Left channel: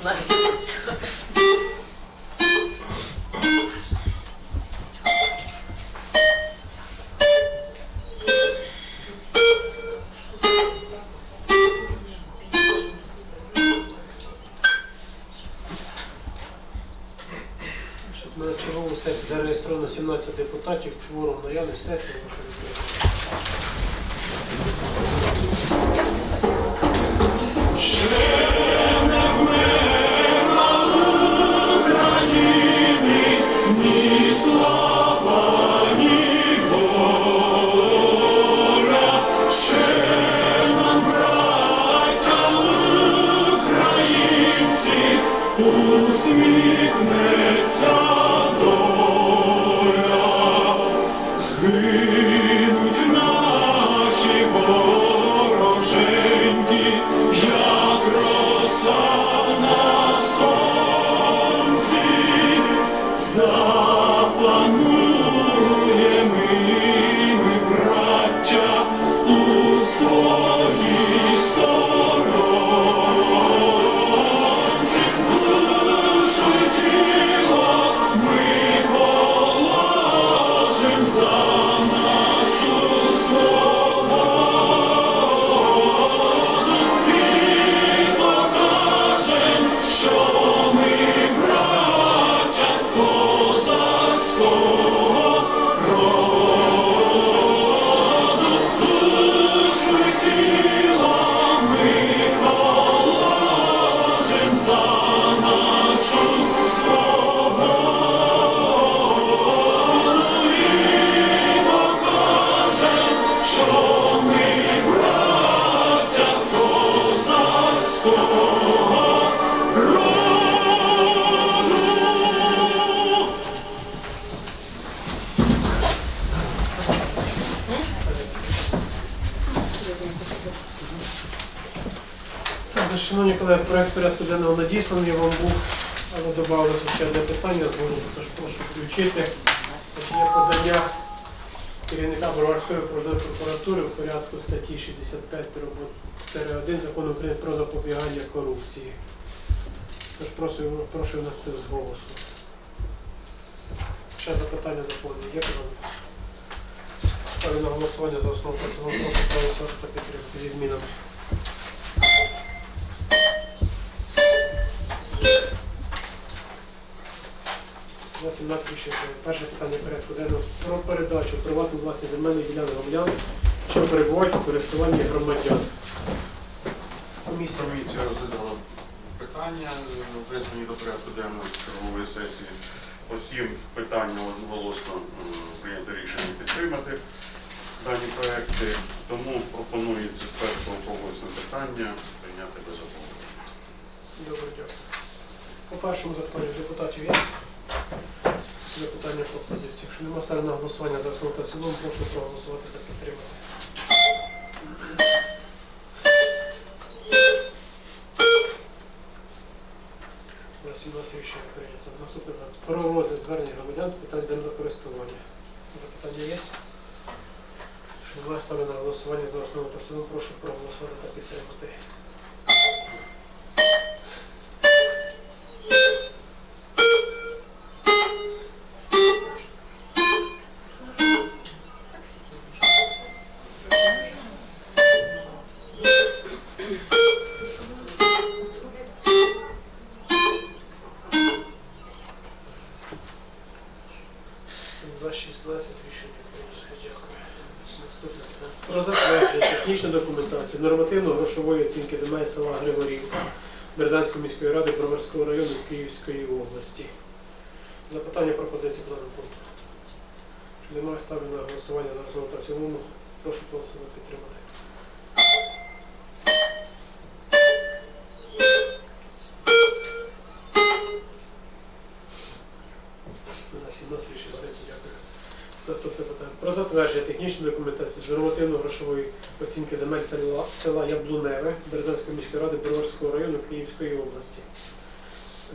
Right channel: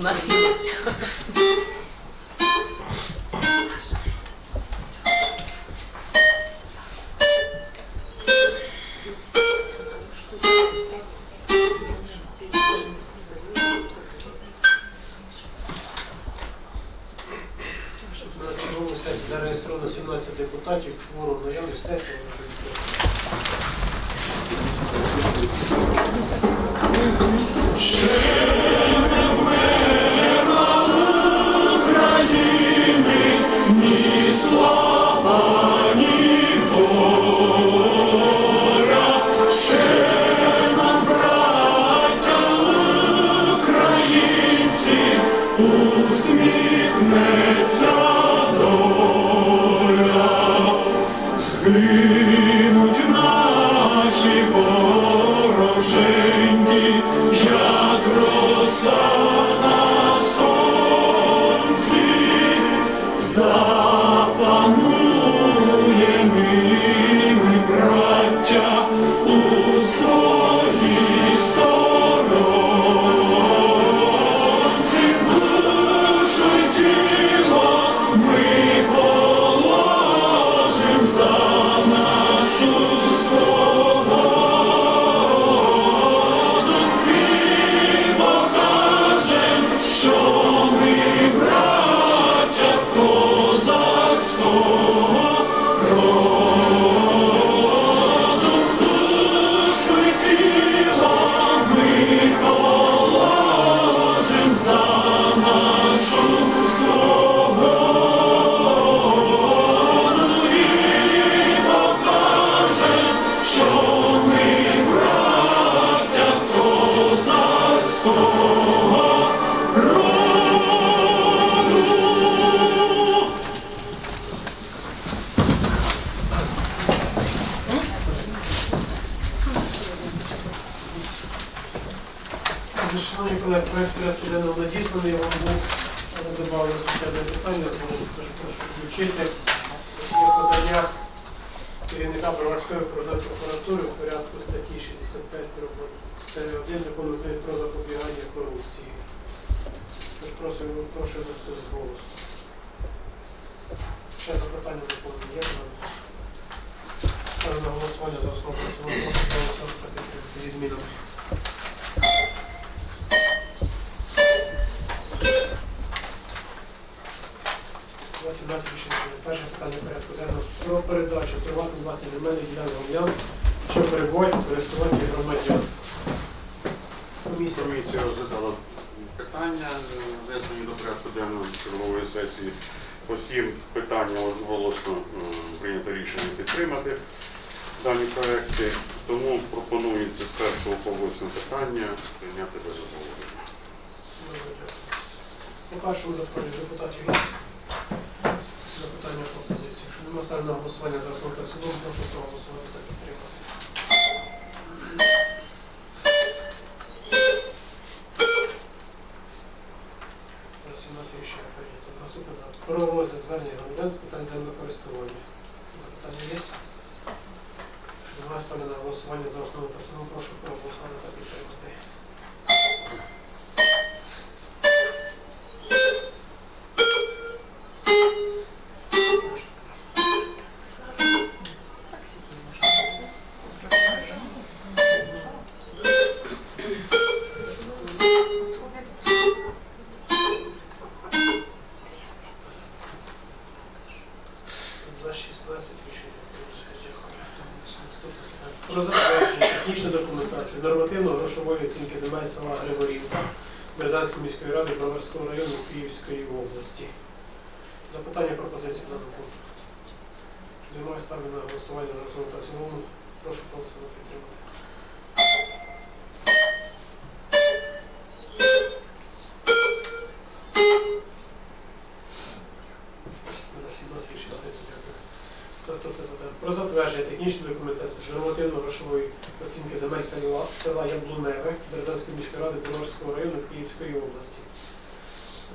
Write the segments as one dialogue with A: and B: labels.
A: У нас є.
B: На чергову сесію зареєстровано 17 депутатів, кворум наявний сесії. прошу Шановні колеги, проект порядку денного надісланий, вам був але додавалося ще одне питання, тож прошу включити подання керівника Броварської окружної прокуратури в порядку статті 65 1 закону України про запобігання корупції. Тож прошу, прошу внести з голосу. Ще запитання доповнення є пане? Ставлю на голосування за основу цілому. Прошу проголосувати зі змінами. 17 рішень. прийнято. Перше питання порядку денного про передачу приватну власність земельних ділянок громадян, що перебувають у користуванні громадян. Комісія.
C: Комісія розглядала питання, внесені до порядку денного чергової сесії. По всім питанням одноголосно е, прийнято рішення підтримати дані проекти. Тому пропонується з першого по восьме питання прийняти без обговорення.
B: Добре, дякую. По першому запитанню депутатів є запитання пропозиції. Якщо немає ставлю на голосування за основу та в цілому, прошу проголосувати та підтримати. За 17 рішень прийнято. Наступне. Про розгляд звернення громадян з питань землекористування. Запитання є? Якщо немає ставлю на голосування за основу та в цілому, прошу проголосувати та підтримати. Документації нормативно-грошової оцінки земель села Григорівка Березанської міської ради Броварського району Київської області. Запитання пропозиції по даному пункту. Немає ставлю на голосування за основу та цілому. Прошу голосувати підтримати. Про затвердження технічної документації з нормативно-грошової оцінки земель села, села Яблуневе Березанської міської ради Броварського району Київської області.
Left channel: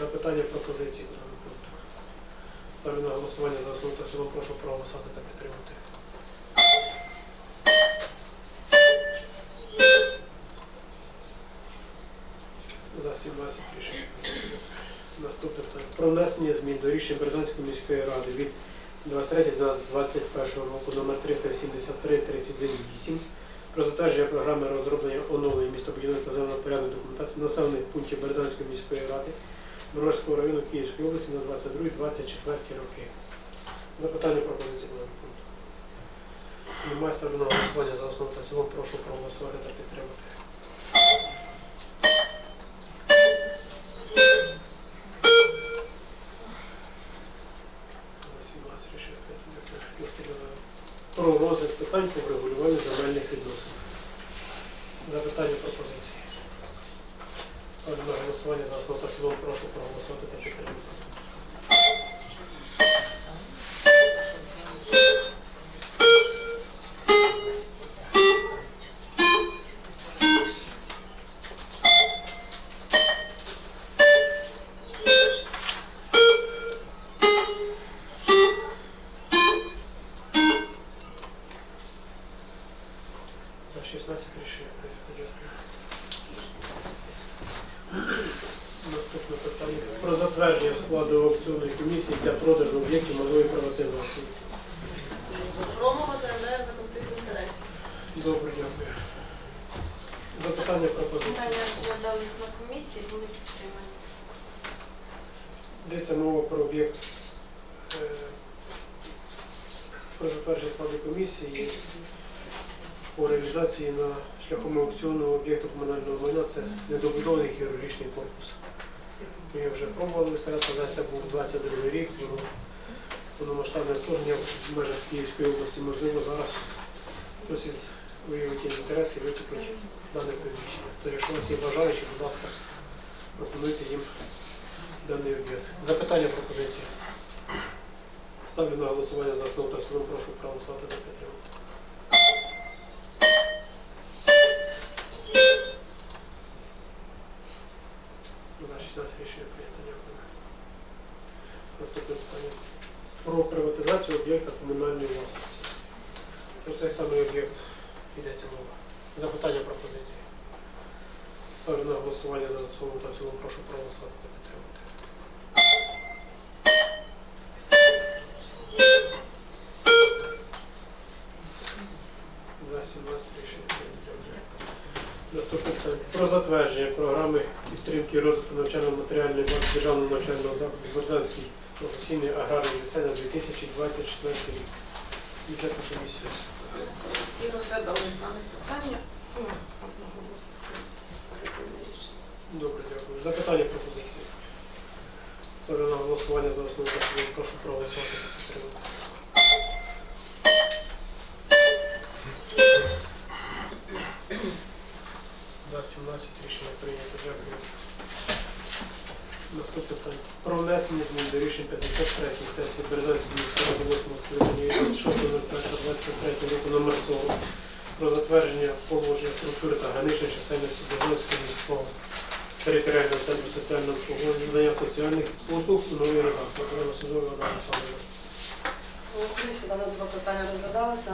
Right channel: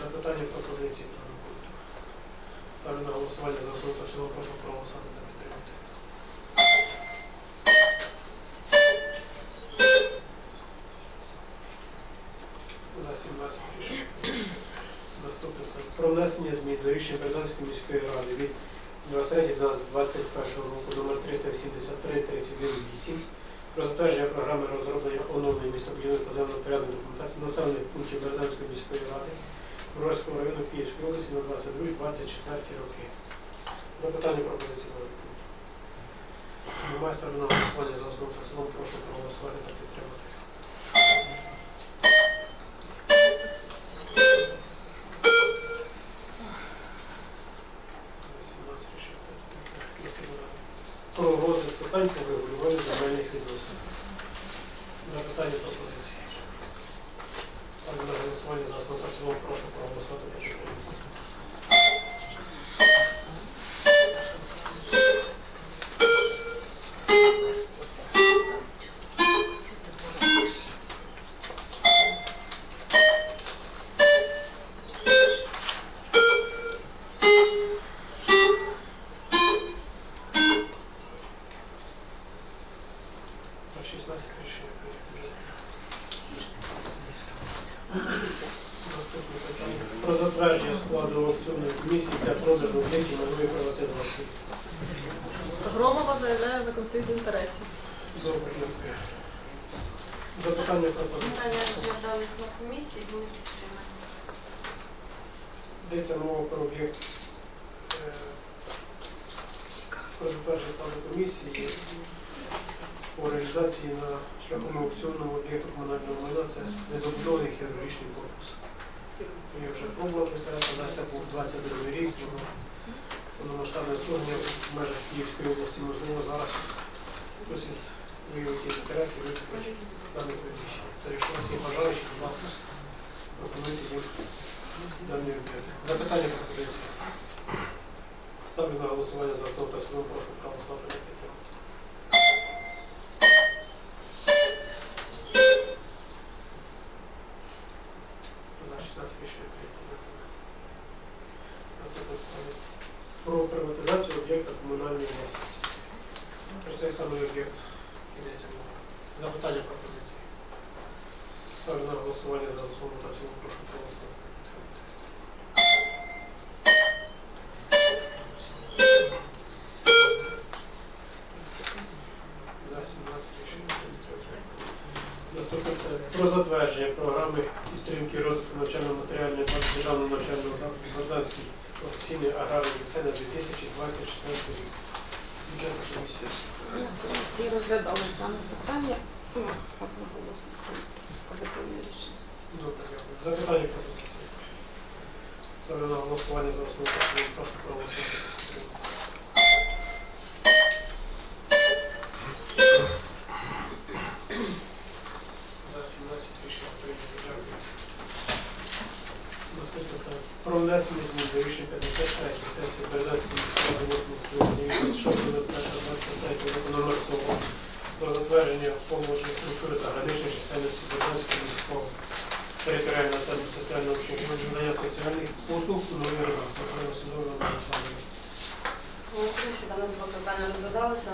B: Запитання пропозиції по даному пункту. Ставлю на голосування за основу та цілому. Прошу проголосувати та підтримати. За За 17 рішення. прийнято. Наступне. Про внесення змін до рішень Березанської міської ради від 23.12.21 року номер 383-31-8 про затвердження програми розроблення оновлення містобудівної та землепорядної документації населених пунктів Березанської міської ради Броварського району Київської області на 22-24 роки. Запитання пропозиції нового пункту. Немає ставлю на голосування за основу та цілому. Прошу проголосувати та підтримати. Питань по врегулюванню земельних відносин. Запитання пропозиції. Ставлю на голосування за основу та цілому. Прошу проголосувати та підтримати. Аукціонної комісії для продажу об'єктів малої приватизації.
A: Громова заявляє за конфлікт інтересів.
B: Добре, дякую. Запитання пропозиції.
A: Питання розглядались на комісії, були підтримані.
B: Йдеться мова про об'єкт е, про затвердження складу комісії по реалізації на шляхом аукціонного об'єкту комунального майна. Це недобудований хірургічний корпус. Ми вже пробували але це був 22 рік, було повномасштабне вторгнення в межах Київської області. Можливо, зараз хтось із виявить інтерес і викупить дане приміщення. Тож, якщо у вас є бажаючі, будь ласка, пропонуйте їм даний об'єкт. Запитання пропозиції. Ставлю на голосування за основу та в цілому. Прошу проголосувати та підтримати. За 16 рішення прийнято. Дякую. Наступне питання. Про приватизацію об'єкта комунальної власності. Про цей самий об'єкт йдеться мова. Запитання пропозиції. Ставлю на голосування за основу та в цілому. Прошу проголосувати. За 17 рішення прийнято. Наступне. Про затвердження програми підтримки розвитку навчально-матеріальної бази державного навчального закладу Борзанський професійний аграрний ліцей на 2024 рік. Бюджетна комісія.
A: Всі розглядали дане питання. Ну.
B: Добре, дякую. Запитання пропозиції. Ставлю на голосування за основу. Прошу проголосувати та. За 17 рішення прийнято. Дякую. Наступне питання. Про внесення змін до рішень 53 сесії Березанської міської ради 8 скликання 26.01.23 року номер 40 про затвердження положення структури та граничної чисельності Березанського міського територіального центру соціального обслуговування соціальних послуг у новій редакції. Судове написання.
D: У комісії дане питання розглядалося.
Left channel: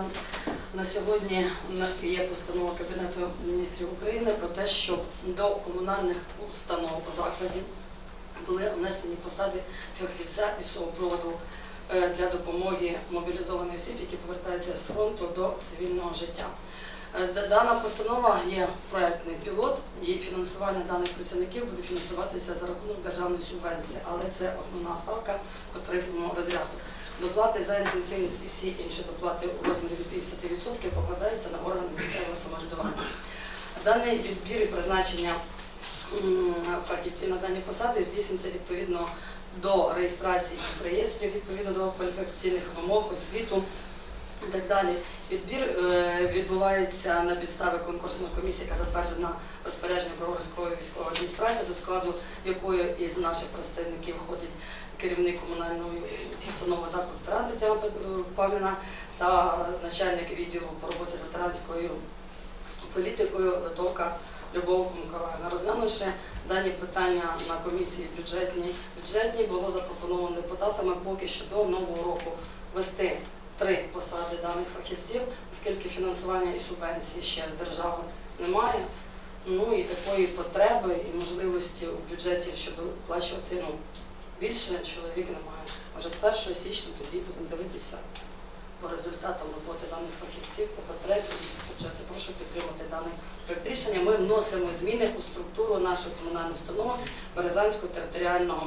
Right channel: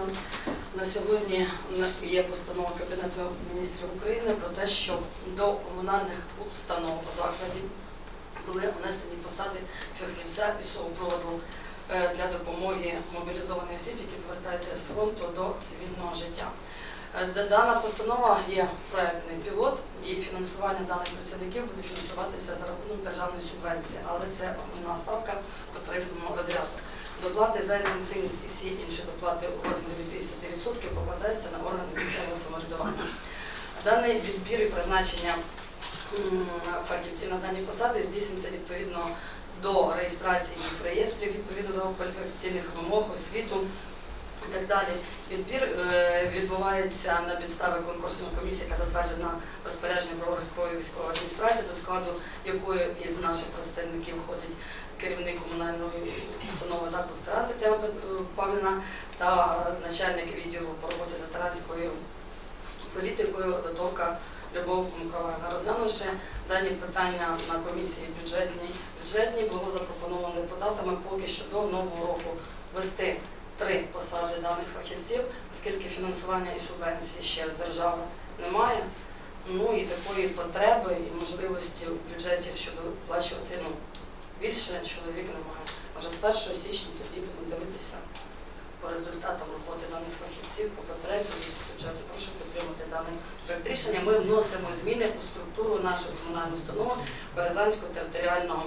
D: На сьогодні є постанова Кабінету міністрів України про те, щоб до комунальних установ закладів були внесені посади фахівця і супроводу е, для допомоги мобілізованих осіб, які повертаються з фронту до цивільного життя. Е, Дана постанова є проектний пілот, і фінансування даних працівників буде фінансуватися за рахунок державної субвенції, але це основна ставка по тарифному розряду. Доплати за інтенсивність і всі інші доплати у розмірі від 50% покладаються на органи місцевого самоврядування. Даний відбір і призначення фахівців на дані посади здійснюється відповідно до реєстрації в реєстрі, відповідно до кваліфікаційних вимог, освіту і так далі. Відбір е, відбувається на підставі конкурсної комісії, яка затверджена розпорядженням Броварської військової адміністрації, до складу якої із наших представників входить керівник комунальної установи заклад ветеран Тетяна та начальник відділу по роботі з ветеранською політикою Литовка Любов Миколаївна. Розглянувши дані питання на комісії бюджетній, бюджетній було запропоновано депутатами поки що до нового року вести три посади даних фахівців, оскільки фінансування і субвенції ще з держави немає. Ну і такої потреби і можливості в бюджеті, щоб виплачувати ну, більше чоловік немає. Може з 1 січня тоді будемо дивитися по результатам роботи даних фахівців, по потребі бюджету. Прошу підтримати дане проект рішення. Ми вносимо зміни у структуру нашої комунальної установи Березанського територіального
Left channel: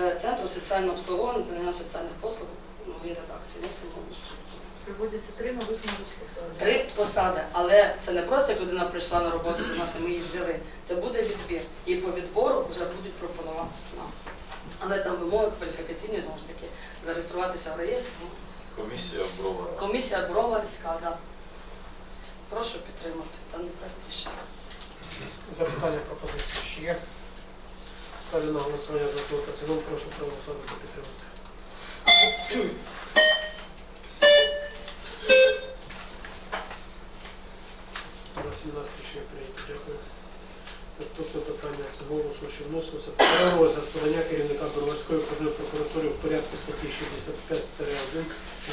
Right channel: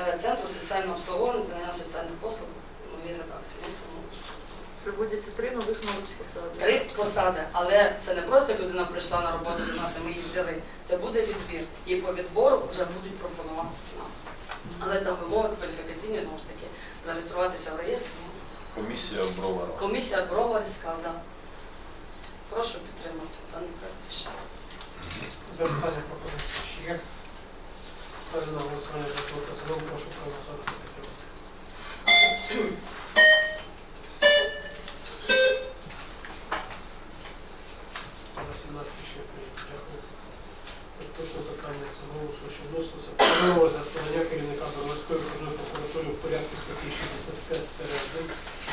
D: е, центру соціального обслуговування та надання соціальних послуг в новій редакції. Вносимо у структуру.
E: Проводяться три нових нових посади.
D: Три посади, але це не просто як людина прийшла на роботу до нас і ми її взяли. Це буде відбір. І по відбору вже будуть пропонувати нам. Але там вимоги кваліфікаційні знову ж таки зареєструватися в реєстрі.
F: Комісія Бровара.
D: Комісія Броварська, да. Прошу підтримати даний проект рішення.
B: Запитання пропозиції ще є. Ставлю на голосування за основу та цілому. Прошу проголосувати та підтримати. На 17 рішення прийнято. Дякую. Наступне питання з голосу, що вносилося. Про розгляд подання керівника Броварської окружної прокуратури в порядку статті 65-1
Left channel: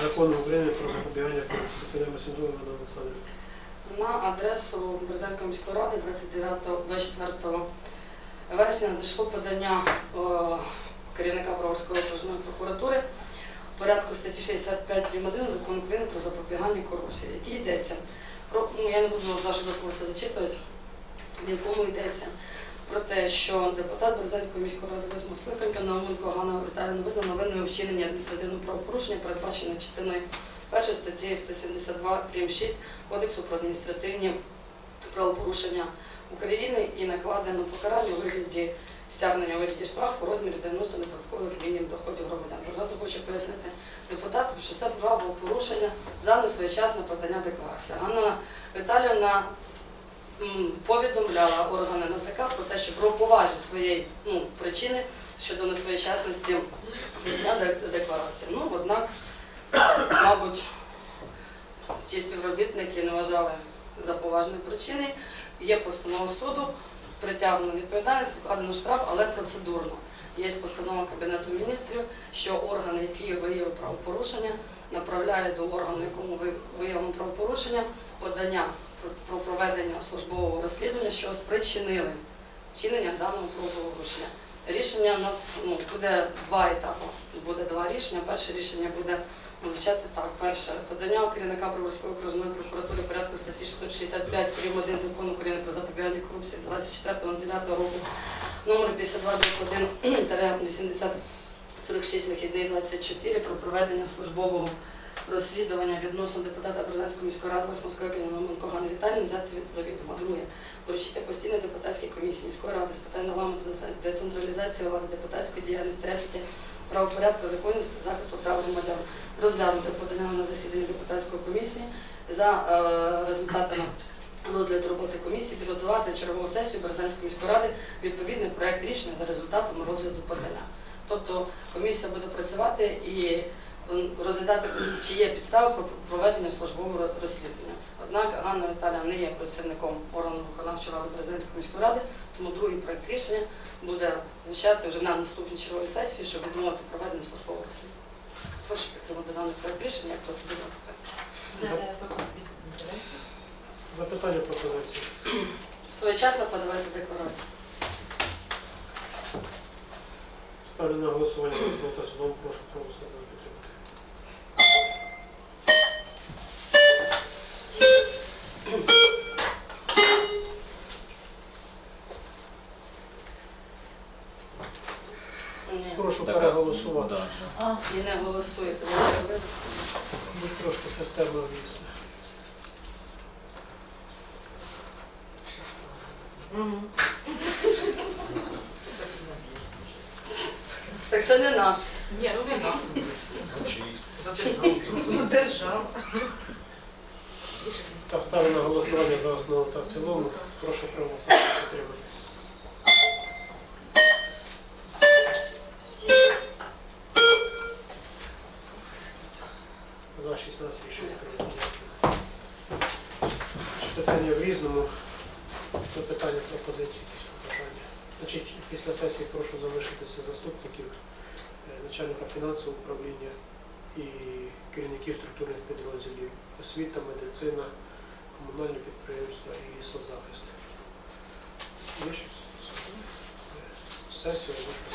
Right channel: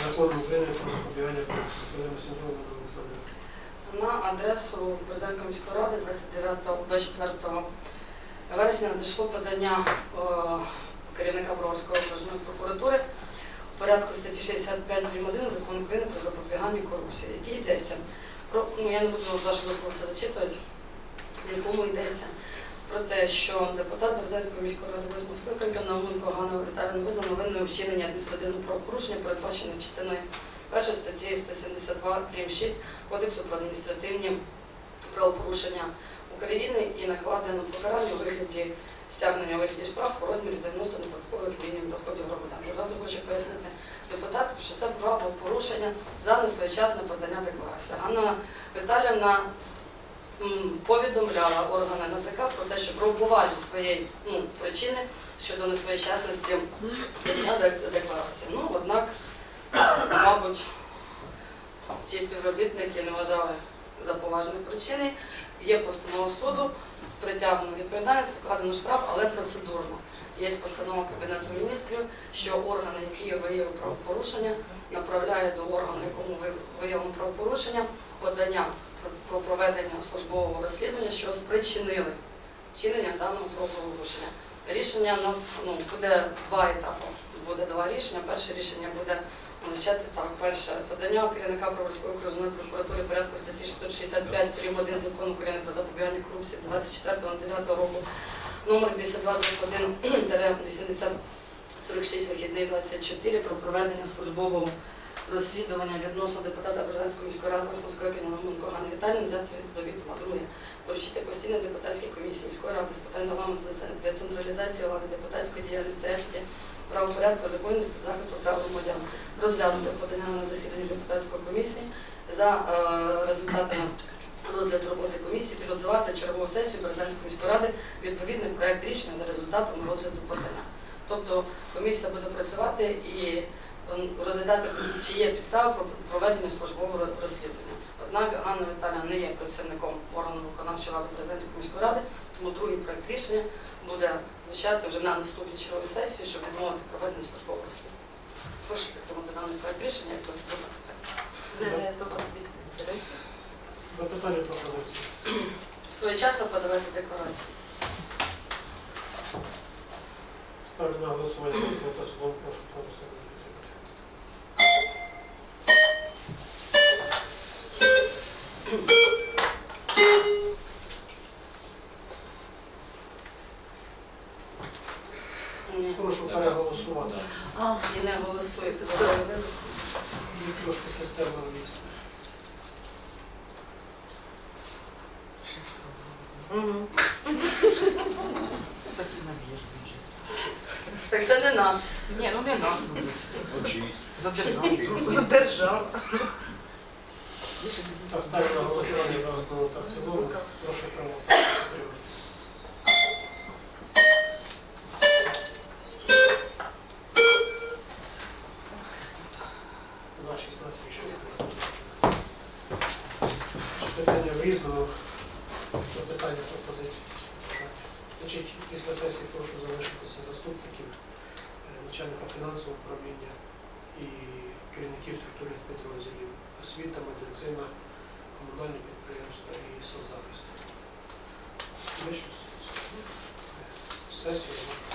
B: Закону України про запобігання корупції. Підемо Сінзова.
D: На адресу Березанської міської ради 29-24 вересня надійшло подання о, керівника Броварської окружної прокуратури в порядку статті 65 прим. 1 Закону України про запобігання корупції, який йдеться про ну я не буду з вашого дозволу все зачитувати, в якому йдеться про те, що депутат Березанської міської ради восьмого скликання Науменко Ганна Віталіївна визнана винною вчинення адміністративного правопорушення, передбачене частиною першої статті 172 прим. 6 Кодексу про адміністративні правопорушення України і накладено покарання у вигляді стягнення вигляді штрафу у розмірі 90 неподаткових мінімум доходів громадян. Одразу хочу пояснити депутату, що це правопорушення за несвоєчасне подання декларації. Ганна Віталіївна м, повідомляла органи НАЗК про те, що про поважні своєї ну, причини щодо несвоєчасності декларації. Ну, однак, мабуть, ті співробітники не вважали за поважні причини. Є постанова суду, притягнено відповідальність, вкладено штраф, але процедурно. Є постанова Кабінету міністрів, що органи, які виявили правопорушення, направляють до органу, якому ви- виявлено правопорушення, подання про- про проведення службового розслідування, що спричинили вчинення даного правопорушення. Рішення у нас ну, буде два етапи. Буде два рішення. Перше рішення буде означати так. Перше, подання керівника Броварської окружної прокуратури порядку статті 665 прим. 1 закону України про запобігання корупції 24.09 року номер 52 46 вихідний 24 про проведення службового розслідування відносно депутата Березанської міської ради 8 скликання Науменко Ганни Віталіївни взяти до відома. Друге, доручити постійній депутатській комісії міської ради з питань деце- децентралізації влади, депутатської діяльності, етики, правопорядку, законності, захисту прав громадян розглянути подання на засідання депутатської комісії за е, результатами розгляду роботи комісії, підготувати чергову сесію Березанської міської ради відповідний проект рішення за результатами розгляду подання. Тобто комісія буде працювати і розглядати, чи є підстави про проведення службового розслідування. Однак Ганна Віталія не є працівником органу виконавчої влади Березанської міської ради, тому другий проект рішення буде звучати вже на наступній черговій сесії, щоб відмовити проведення службового розслідування. Прошу підтримати даний проект рішення як процедурне питання.
E: Конфлікту.
B: Запитання пропозиції.
D: Своєчасно подавати декларації.
B: Ставлю на голосування. Прошу проголосувати
D: і не голосуєте. Ви-
B: трошки система ввісне.
D: Так це не наш.
E: Ні, ну він нам. Держава.
B: Так, ставлю на голосування за основу та в цілому. Прошу проголосувати Різному. Запитання, пропозиції, якісь побажання. Значить, після сесії прошу залишитися заступників, е, начальника фінансового управління і керівників структурних підрозділів освіта, медицина, комунальні підприємства і соцзахист.
G: Є щось? Сесію можна.